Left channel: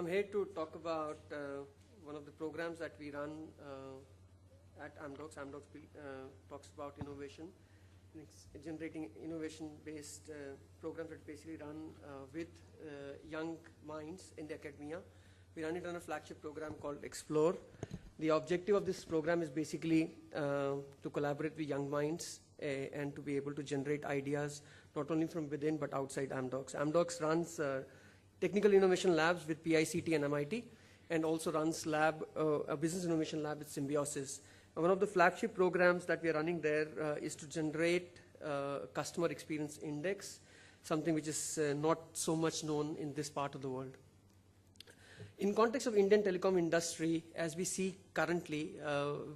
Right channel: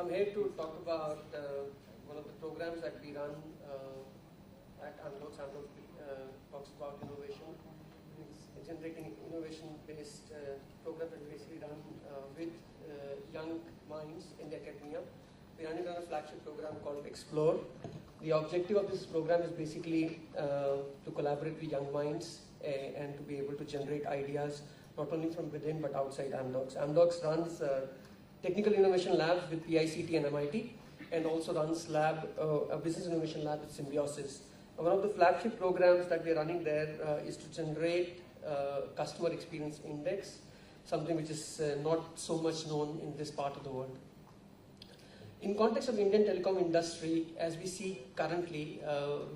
I'm here to talk about one of the programs that we run at Amdocs. Amdocs talks about innovation. It's generating innovation-based programs that basically run with young minds in the academia. We run it on a flagship program called Explore. The objective of this program is basically to collaborate with young minds and to be able to generate ideas not only from within but outside Amdocs. Amdocs runs technical innovation labs with PICT and MIT, and also runs a business innovation lab with Symbiosis. And one of the flagship programs that we are running there is to generate customer experience index, something which is not so much known in this part of the world. In context of Indian telecom industry, as we see currently,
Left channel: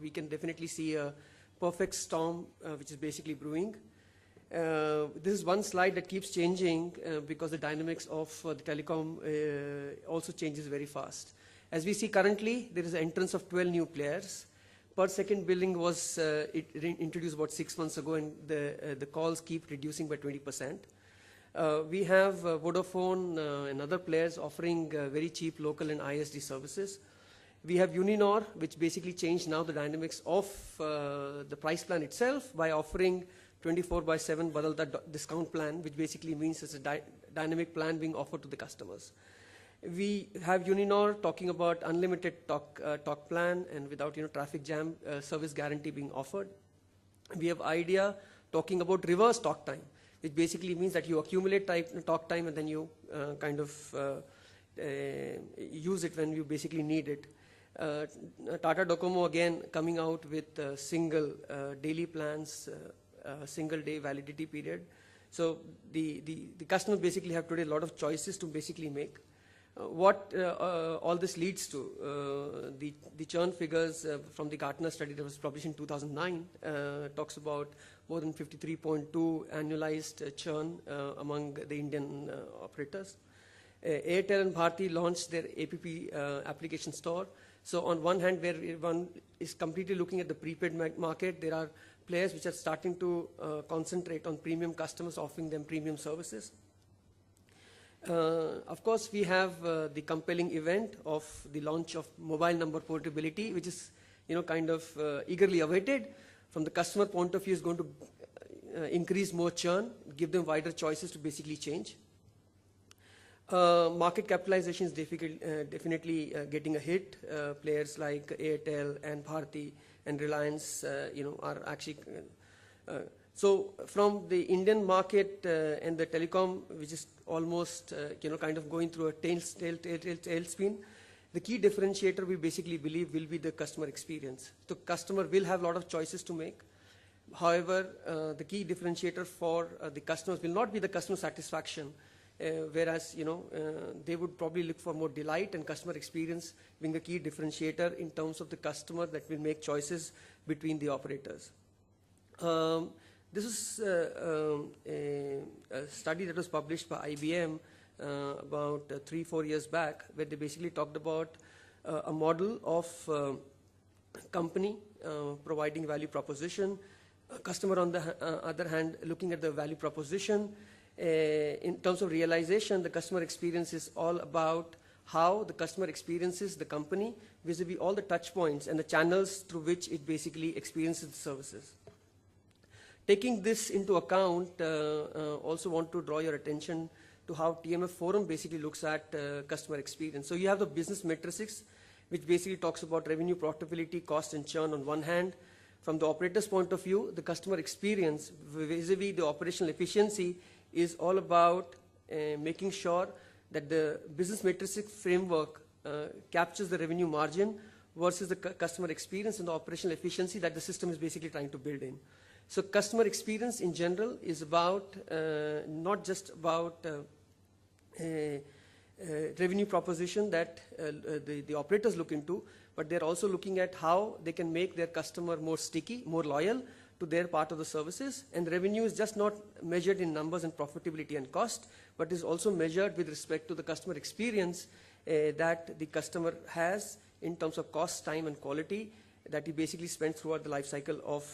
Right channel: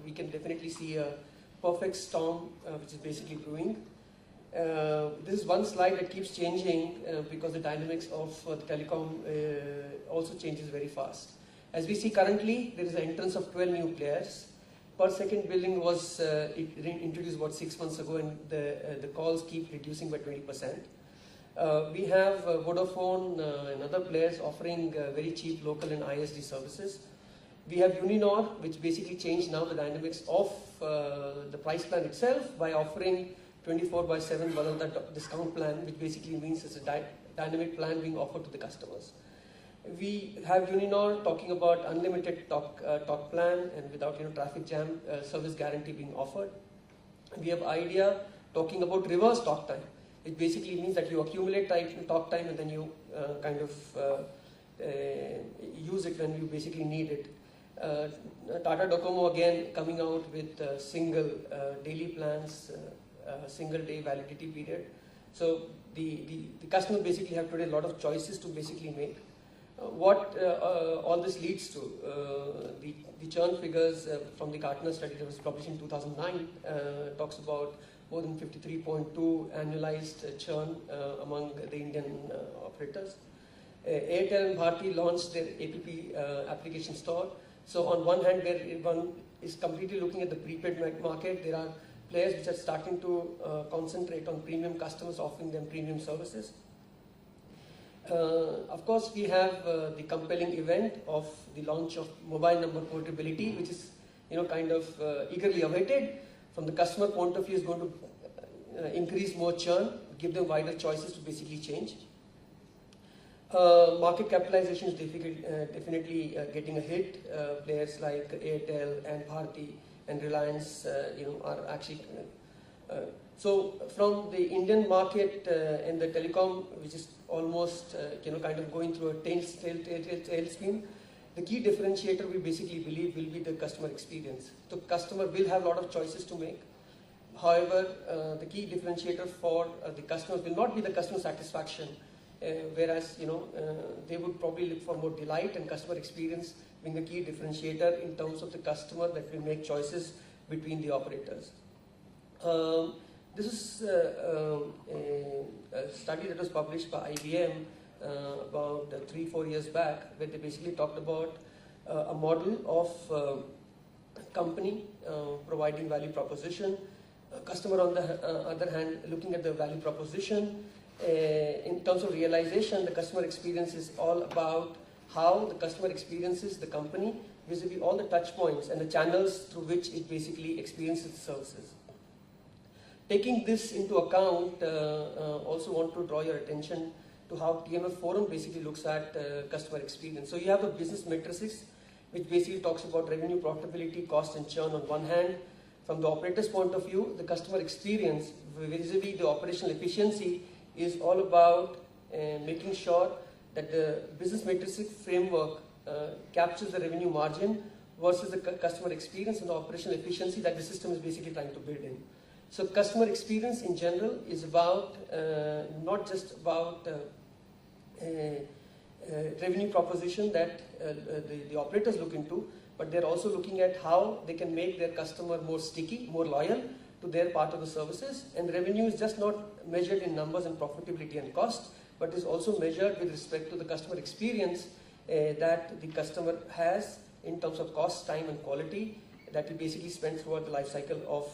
we can definitely see a perfect storm which is basically brewing. This is one slide that keeps changing because the dynamics of the telecom also changes very fast. As we see currently, there is an entrance of 12 new players. Per second billing was introduced about 6 months ago, and the calls keep reducing by 20%. We have Vodafone and other players offering very cheap local and ISD services. We have Uninor, which basically changed now the dynamics of the price plan itself by offering 24/7 Badalda discount plan, which basically means it's a dynamic plan being offered to the customers. We have Uninor talking about unlimited talk plan and without traffic jam service guarantee being offered. We have Idea talking about reverse talk time, which basically means that you accumulate talk time and then you use it when you basically need it. Tata Docomo again coming out with single daily plans, single day validity period. So the customers basically have today a lot of choices to basically make. What all this leads to, the churn figures from the Gartner study that was published in 2009 talks about more than 53.2 annualized churn among the Indian operators. Airtel and Bharti launched their APP application store. So on one hand, where one is completely looking at the prepaid market, there are players which are starting to concentrate on premium customers, offering them premium services. Of course, we have the compelling event of the launch of mobile number portability, which is eagerly awaited. From the customer point of view, is going to increase more churn, give them wider choices to basically change. Market capitalization is definitely getting a hit. Players like Airtel and Bharti and Reliance, are actually. So from the Indian market and the telecom, which is almost going through a tailspin, the key differentiator we basically believe will be the customer experience. The customer will have a lot of choices to make. However, the key differentiator for the customers will not be the customer satisfaction, whereas they would probably look for more delight, and customer experience being a key differentiator in terms of the customer that will make choices between the operators. This is a study that was published by IBM about 3-4 years back, where they basically talked about a model of company providing value proposition, customer on the other hand looking at the value proposition. In terms of realization, the customer experience is all about how the customer experiences the company vis-a-vis all the touch points and the channels through which it basically experiences the services. Taking this into account, also want to draw your attention to how TMF Forum basically looks at customer experience. So you have a business matrix which basically talks about revenue, profitability, cost and churn on one hand. From the operator's point of view, the customer experience vis-a-vis the operational efficiency is all about making sure that the business matrix framework captures the revenue margin versus the customer experience and the operational efficiency that the system is basically trying to build in. So customer experience in general is about not just about revenue proposition that the operators look into, but they're also looking at how they can make their customer more sticky, more loyal to their part of the services. And revenue is just not measured in numbers and profitability and cost, but is also measured with respect to the customer experience that the customer has in terms of cost, time and quality that he basically spent throughout the life cycle of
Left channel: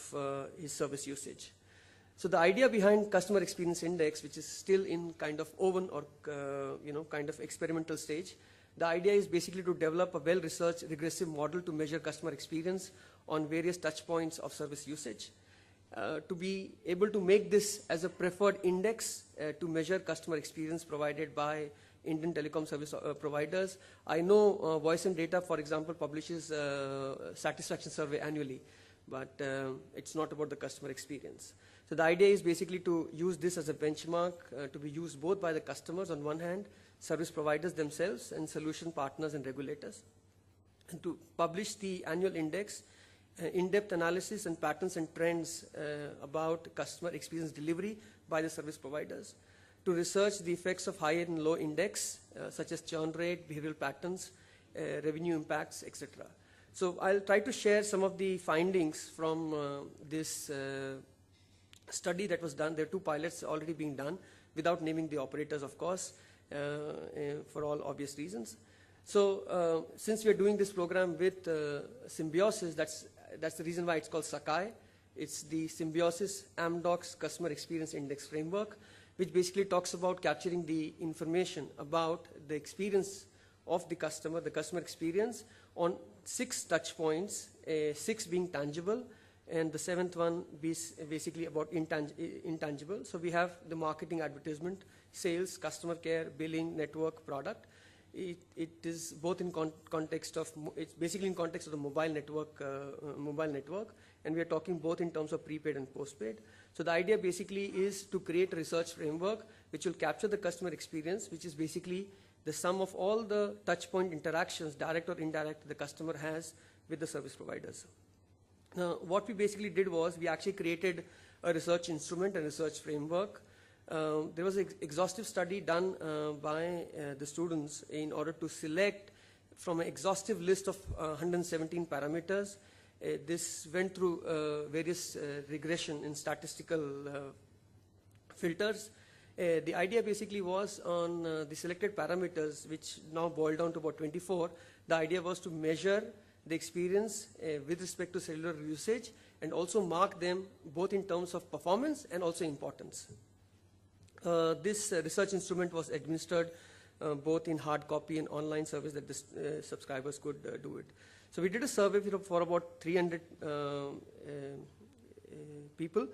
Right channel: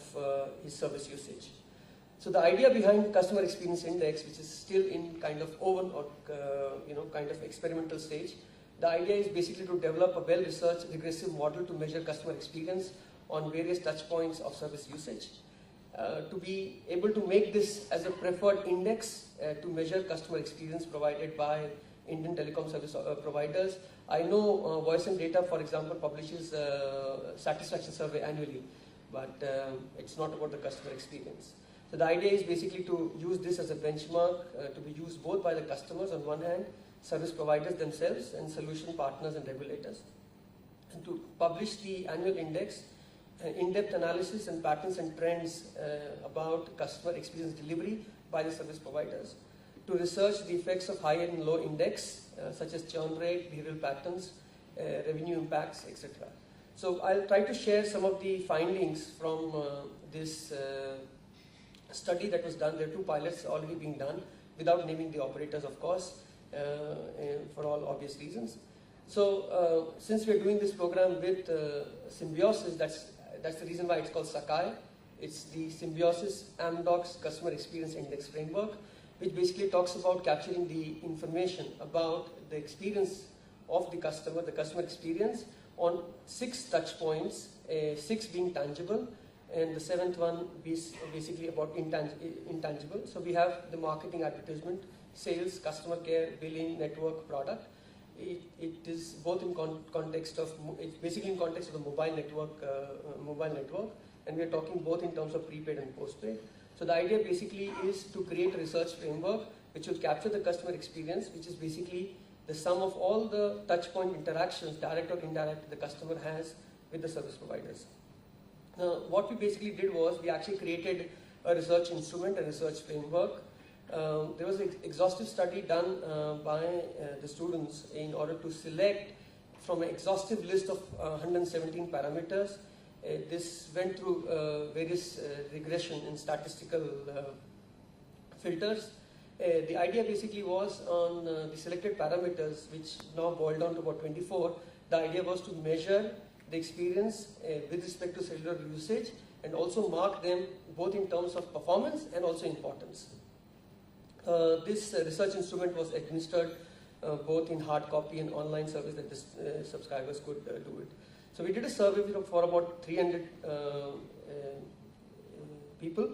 his service usage. So the idea behind Customer Experience Index, which is still in kind of oven or kind of experimental stage, The idea is basically to develop a well-researched regressive model to measure customer experience on various touch points of service usage. To be able to make this as a preferred index to measure customer experience provided by Indian telecom service providers. I know Voice and Data, for example, publishes satisfaction survey annually, but it's not about the customer experience. So the idea is basically to use this as a benchmark to be used both by the customers on one hand, service providers themselves, and solution partners and regulators. And to publish the annual index, in-depth analysis and patterns and trends about customer experience delivery by the service providers. To research the effects of high and low index, such as churn rate, behavioral patterns, revenue impacts, etc. So I'll try to share some of the findings from this study that was done. There are 2 pilots already being done, without naming the operators, of course, for all obvious reasons. So since we're doing this program with Symbiosis, that's the reason why it's called Sakai. It's the Symbiosis Amdocs Customer Experience Index Framework, which basically talks about capturing the information about the experience of the customer experience on 6 touch points, 6 being tangible, and the 7th one basically about intangible. So we have the marketing, advertisement, sales, customer care, billing, network, product. It is both in context of, it's basically in context of the mobile network, and we are talking both in terms of prepaid and postpaid. So the idea basically is to create a research framework which will capture the customer experience, which is basically the sum of all the touch point interactions, direct or indirect, the customer has with the service providers. What we basically did was we actually created a research instrument, a research framework. There was an exhaustive study done by the students in order to select from an exhaustive list of 117 parameters. This went through various regression and statistical filters. The idea basically was on the selected parameters, which now boiled down to about 24. The idea was to measure the experience with respect to cellular usage and also mark them both in terms of performance and also importance. This research instrument was administered both in hard copy and online service that the subscribers could do it. So we did a survey for about 300 people,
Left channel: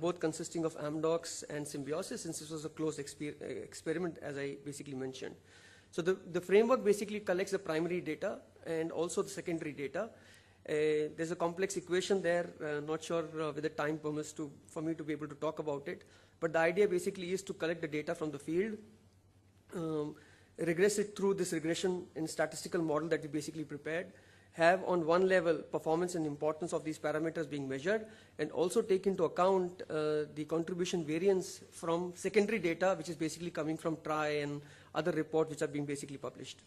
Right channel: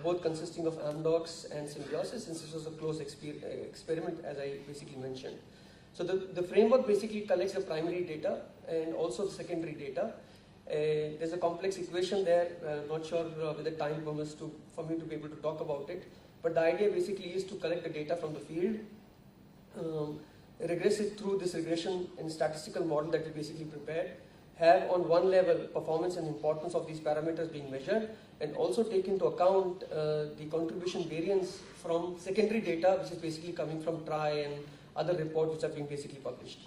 both consisting of Amdocs and Symbiosis, since this was a closed experiment, as I basically mentioned. So the framework basically collects the primary data and also the secondary data. There's a complex equation there, not sure whether time permits for me to be able to talk about it, but the idea basically is to collect the data from the field, regress it through this regression and statistical model that we basically prepared, have on one level performance and importance of these parameters being measured, and also take into account the contribution variance from secondary data, which is basically coming from TRAI and other reports which are being basically published.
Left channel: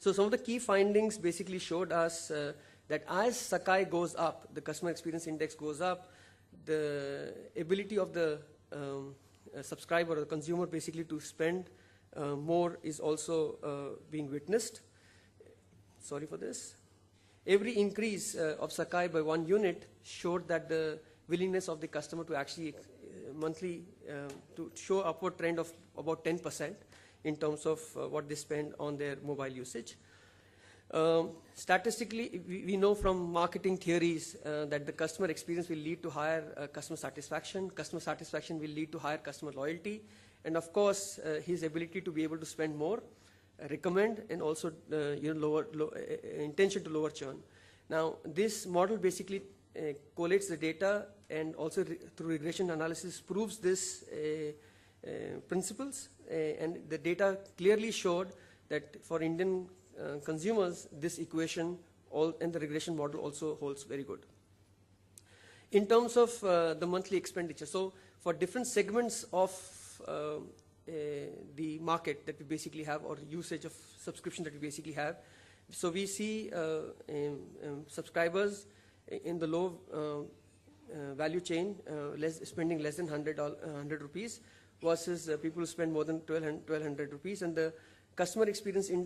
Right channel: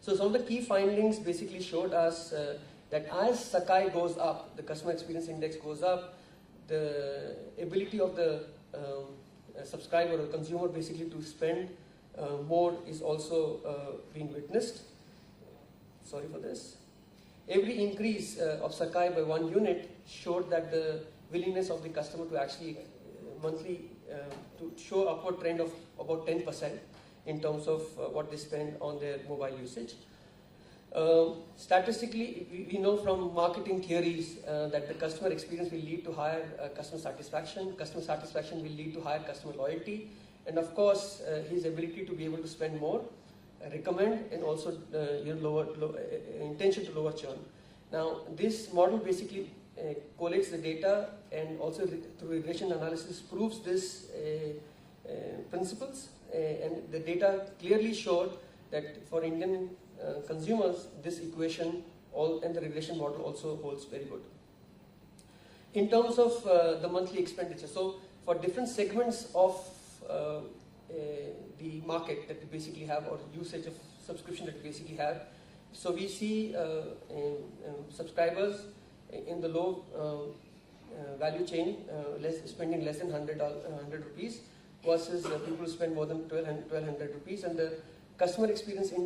So some of the key findings basically showed us that as Sakai goes up, the customer experience index goes up, the ability of the subscriber or consumer basically to spend more is also being witnessed. Sorry for this. Every increase of Sakai by 1 unit showed that the willingness of the customer to actually monthly to show upward trend of about 10% in terms of what they spend on their mobile usage. Statistically, we know from marketing theories that the customer experience will lead to higher customer satisfaction. Customer satisfaction will lead to higher customer loyalty, and of course, his ability to be able to spend more, recommend, and also intention to lower churn. Now, this model basically collates the data and also through regression analysis proves this principles, and the data clearly showed that for Indian consumers, this equation and the regression model also holds very good. In terms of the monthly expenditure, so for different segments of the market that we basically have, or usage of subscription that we basically have, so we see subscribers in the low value chain spending less than 100 rupees versus people who spend more than 1200 rupees, and the customer experience index